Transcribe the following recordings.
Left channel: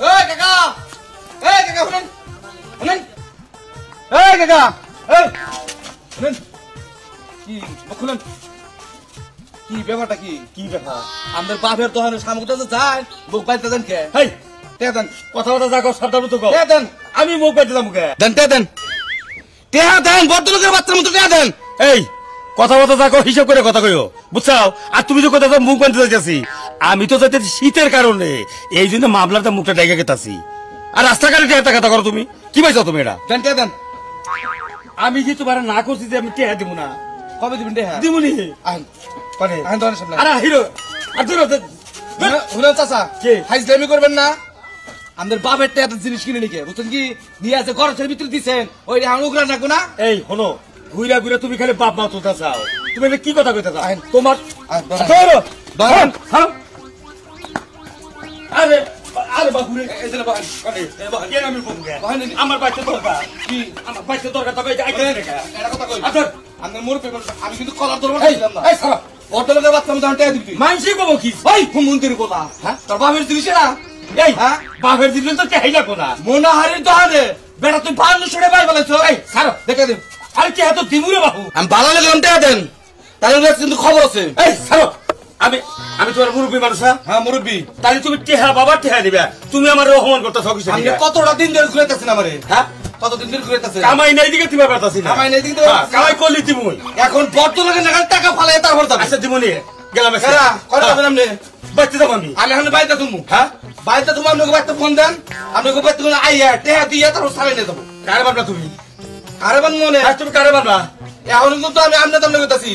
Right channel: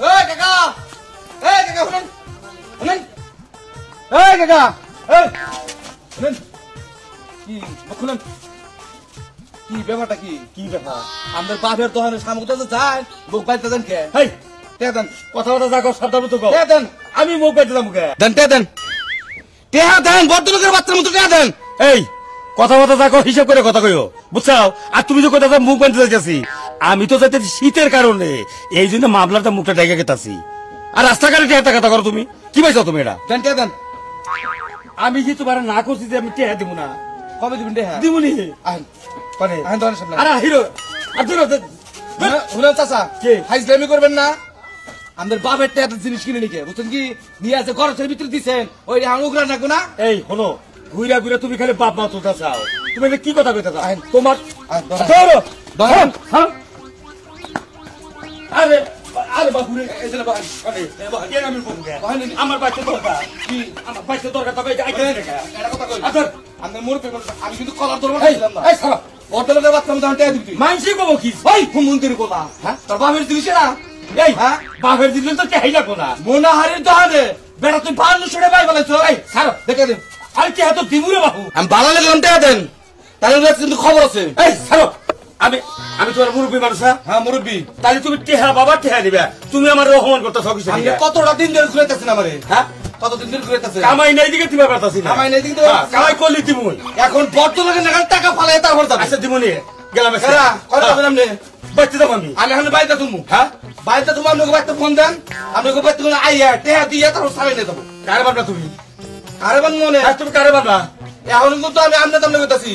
এই কাকা শুনেন শুনেন এই কাকা এই শুনেন কি খুলেন কি ব্যাপারটা কি ব্যাপার আমাদের বাপের দোকানের সামগ্রীটা তো যায় মুখ বাইতে দেন কে হেই দেন কথাবার্তা যা কর সাবধান মতো কও দেন আমি মুখ বাইতে যাবো কে দেন দেন ভদ্রলোকের বাচ্চার মতো দেন এই কথাবার্তা যা কও হিসাব করে কথা কইও বুঝছাও আর তুমি তো কথা মুখ বাইতে যাইতেছি আমি তো যাইতেছি শীতের কারণে এই জন্য মামলাটা মুখটা ডাইকা গেতাছি আর রাস্তাঘাটে টেহাতে কথা করো তুমি কি পাইছো তুমি এটা দেন আমি যে তোমার না করছি যে আমি টেহা দিব না কবে দিবেন টেহা দিবনি করবেন না আমাদের বাপের টেহা জিনিস কিনে নিকে বুঝছেন কি নিয়ে আছে ঘরের ভিতরে দিচ্ছেন ওই উগরা নাকো না এই হলো ঘুরা তুমি খালি বাপ মা তুলতে চাও তুমি কি কথা কইতে চাও তোমার আরে আরে বাবুরে আমার বাচ্চা দরকার কি আমার বাচ্চা দরকার তবে আমি কিন্তু কলার ধরবো অর্ধলোকের বাচ্চা আমি তখন দিবি মানসি কব কি ওই মন্দির কোলা হ্যাঁ তোর বাপের জিনিস না এই হ্যাঁ বাপের জিনিস তো চাহিদা কোলা মোনাহারির দোকানে বেটা তুই ভালো ছড়ে পাই বলেছ এই ছাড়ো দেখে দেন আরে কে এত দিমুরে বাবু আমি ভালো লেগে টেয়া দেন তাহলে কিন্তু খবর আছে এই ছাড়ো আমি তোমার মুরব্বী মানুষ হ্যাঁ মুরব্বী তাহলে তুমি টেহা বাবা টেহা দিবে তুমি আমার অপমান করতে সকিস কতটা দিন ধরে ঘুরেতেছেন আমারে হ্যাঁ কতদিন ধরে ঘুরেতেছেন কামাই নাই দিকে তুমি পারতাছি না কামাই নাই দিকে কামাই করলি তুমি এখন ভদ্রলোকের নাগাল টাকা ফালাই তারপর যাবে আচ্ছা দিমুনি গেলাম এরা কত যাবেন আপনি বাইতে যাবো আমি এখন বাইতে তুমি হ্যাঁ বাইতে তুমি আপনাকে বাইতে ফোন দেন আপনাকে বাইতে কোন আইয়া টেহা দিয়ে তারপর সামনে নিয়ে যাবো কারে বাবা তুমি কারে বান মনে তুমি কারে বাবা এখন কিন্তু আমি আমনে তামনে কইতাছি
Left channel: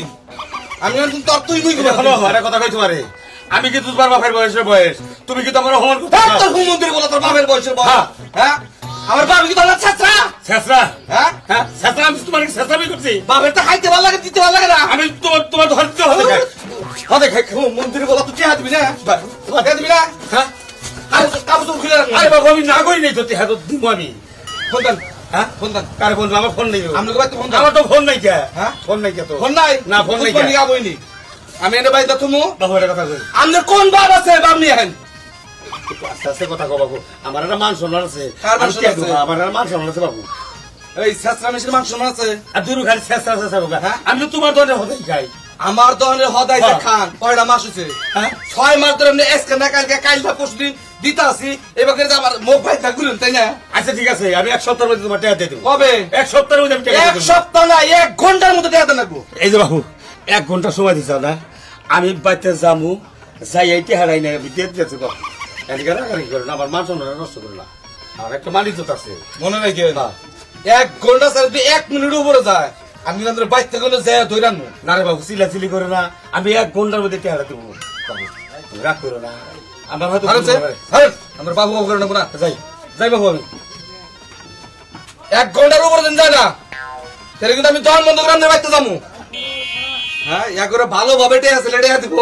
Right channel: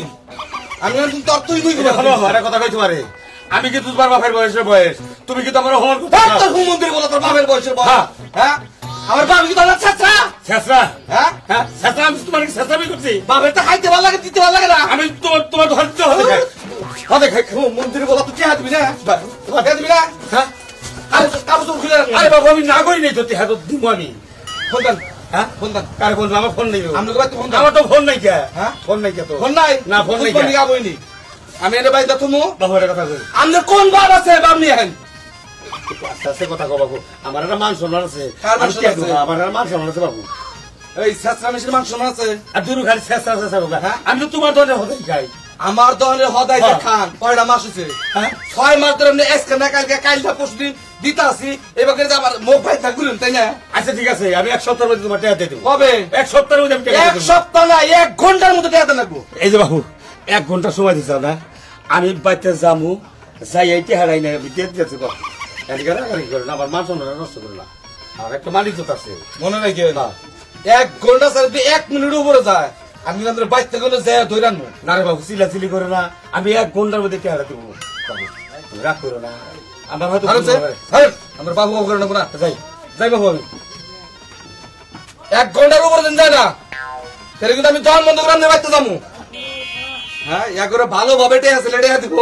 আমি তোর তুই কথা কইতে পারে আমি কি তোর বাপের বয়সের বয়স তুমি কি তোমার হন তোর মন্দির বলা তোর বাপের বয়সের বয়স হ্যাঁ আমার বাপ কি তোমার ছেঁচড়া হ্যাঁ হ্যাঁ ছেঁচড়া আমি তোমার ছেঁচড়ামি করছি বাপের তো খাইতে ভালো লাগে দিতে ভালো লাগে না আমি তোমার ধরতে হবে খাই মন্দির বলা তুই চেহারা দিবি না তোমার দিবি না হ্যাঁ কাপড় তো খুলে আরে বাবা আমি না করি নাই তো চেহারা তো দিব আমি ফোন দেন হ্যাঁ ফোন দেন কারে ফোন আমার ফোন নেই আমার তো ফোন নাই কে হ্যাঁ ফোন নাই কে তো ফোন নাই না ফোন নাই কে আবইনি আমি এনে বাইদা তুমি বাবু এটা কথা কই আমনে কোন বাপ আছে বাপ নি হেন আস্তে কথা কও বাবু আমার একটা মান সম্মান আছে আমার একটা মান সম্মান আছে বাবু এই ছেছরা মিশির মান সম্মান আছে আর দুরু খালি ছেছরা বাবা হ্যাঁ আমি তো তোমার দনে হদাই খাই আমার দনে হদাই খান কয়টা মাস হইছে হ্যাঁ 6 মাস ধরে আপনি এসকে না কালটা পরশুদিন দিতাছি এবারে যে আমার মুখ ভাই থাকুন তাই না আচ্ছা ঠিক আছে আমি এক সপ্তাহের মধ্যে তোমার টাকা দিয়ে দেব কবে এক সপ্তাহের মধ্যে আমি টাকা দেব এক সপ্তাহ না 1 ঘন্টার মধ্যে টাকা দেব এই যে বাবু 1 ঘন্টা সময় দিছাও না আমি বাইতে যামু যাই এইটা হারাই না আমি দিয়ে দিতেছি গো এদিকে রাগারি করে না আমার মান সম্মান নষ্ট করে না আর একটা মালিক তো আছে মনে নাই কি না 1 ঘন্টা স্যার 1 মিনিট উপরে যায় আমি আমাদের বাইতে গেলে যাই ধরে আনবো না রে বাবু চিলাচিলি করে না আমি 1 ঘন্টার মধ্যে টাকা দেব রাগ করো না আমার হয়তো আমার বাবু করে নেবো না যাই বাবু আমি 1 ঘন্টার উপরে দিন যায় না তাহলে কিন্তু আমি দোকান বন্ধ করে আমি বাইতে যাবো হ্যাঁ ইয়া করে ভালোভাবে টেহা ছেলে টেহা দিব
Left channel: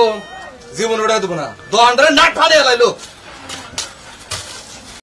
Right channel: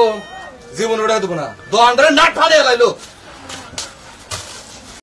জীবন ওটা দিব না দোকানটারে না ঠাড়ে লাইলো